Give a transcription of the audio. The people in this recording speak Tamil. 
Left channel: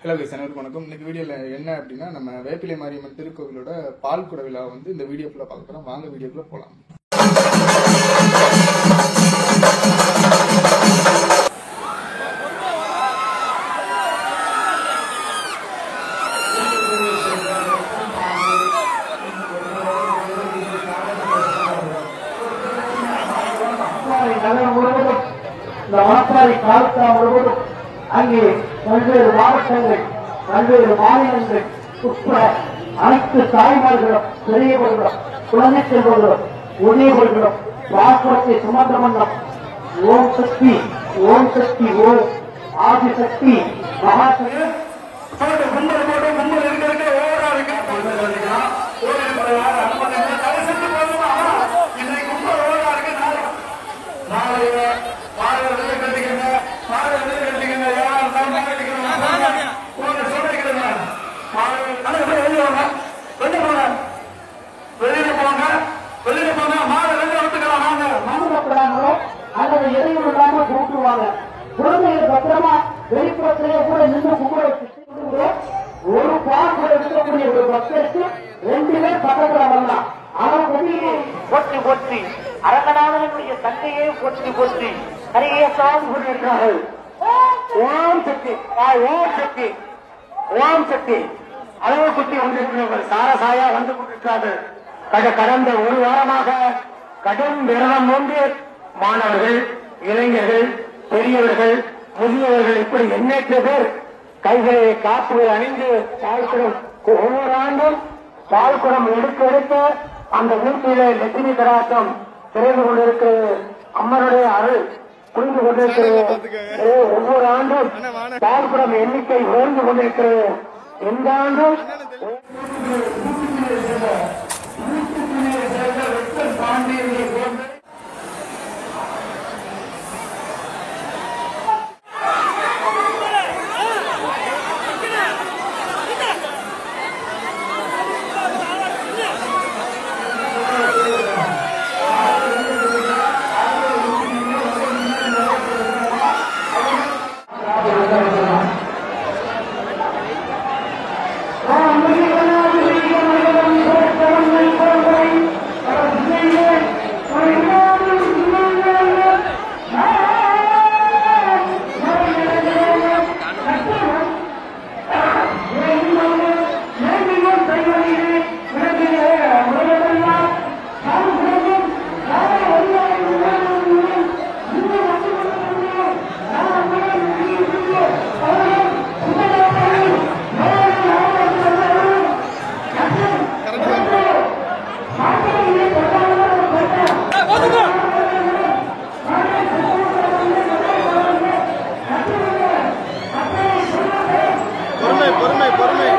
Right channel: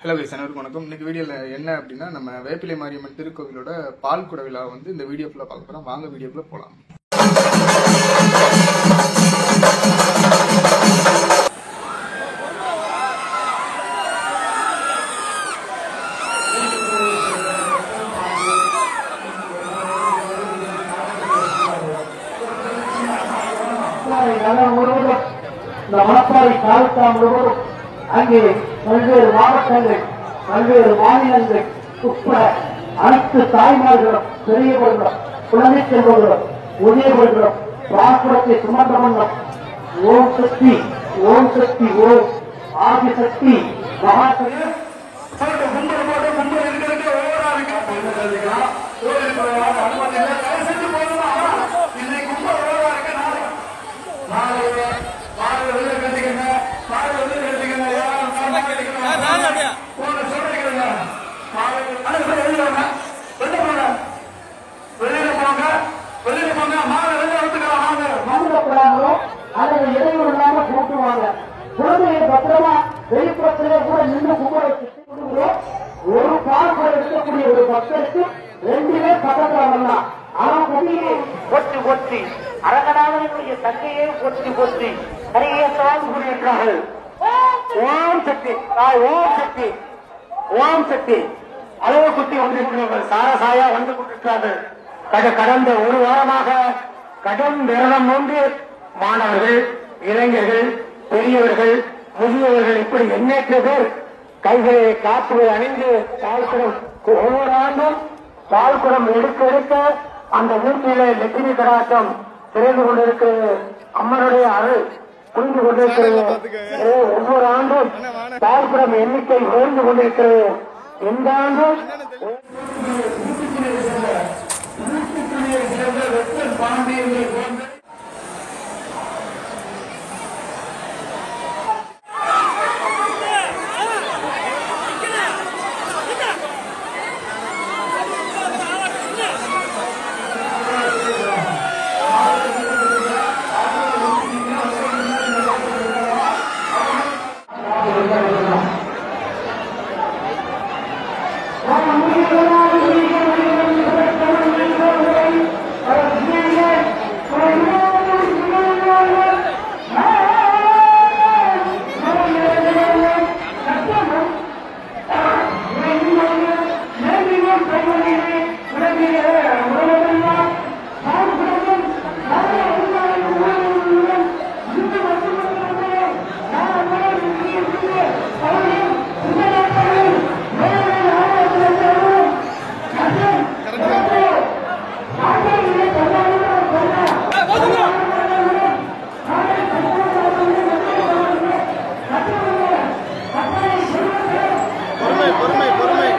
ஹலோ கைஸ், அனைவருக்கும் வணக்கம். இன்னைக்கு வீடியோவில் என்ன அப்படின்னா, நம்ம வேப்பிலை மாரியம்மன் திருக்கோவிலோட பால் குட விழா வந்து இந்த வீடியோ ஃபுல்லாக பார்க்க போகிறோம். வாங்க வீடியோக்குள்ளே போகலாம். இந்த மாற்றாய் தாலுகா முழுவதும் அங்கே பல்வேறு மாவட்டங்கள், பல்வேறு மாநிலங்கள் உட்பட அனைத்து தாய்மார்களும், பெரியவர்களும், குழந்தை செல்வர்களும், முதியவர்களும் பால்குடத்தை சுமந்த வண்ணம் ஓம் சக்தி, ஓம் சக்தி, ஓம் ஆதிசக்தி, மகாசக்தி அல்லது இடையூறு இல்லாம கூட்டுவாங்க. குழந்தைய பத்திரமா வெளிப்புறத்திலே கூட நின்று கும்பலை சுற்றி ஒரு பால் கூட இருக்கக்கூடிய ஒரு பக்தருக்கு 2 பேர் பக்கத்துல வரலாம். ஆனா கொடியை கொட்டி கொட்டி அழகனாவனுடைய தந்தையே கொட்டி கொட்டி நிறையத்தான் கொண்டிருக்கிறார்கள். ஓம் சக்தி, ஓம் சக்தி, ஓம் சக்தி அளவு குத்தி கொண்டிருக்கிறவர்கள் சாரசாயா வந்து கொண்டிருக்கிறார்கள். கடந்த ஒரு வாரமாக கடும் விரதம் ஒன்று மாணவர்கள், இளைஞர்கள், பெரியவர்கள், முதியவர்கள் இப்படி எண்ணற்ற பேர் கைகளை காப்பு அணிந்து பால்குடம் ஒவ்வொரு ஆண்டும் பால்குடம் எடுக்க அந்த வீட்டிலே லட்சுமி கடாட்சம் திறந்து கொண்டிருக்கிறது. அம்மனுடைய அருள் புரிந்து கொண்டிருக்கிறது. ஒவ்வொரு ஆண்டும் பால்குடம் எண்ணிக்கை உயர்ந்து கொண்டிருக்கிறது. இந்த ஆண்டு பொறுமை.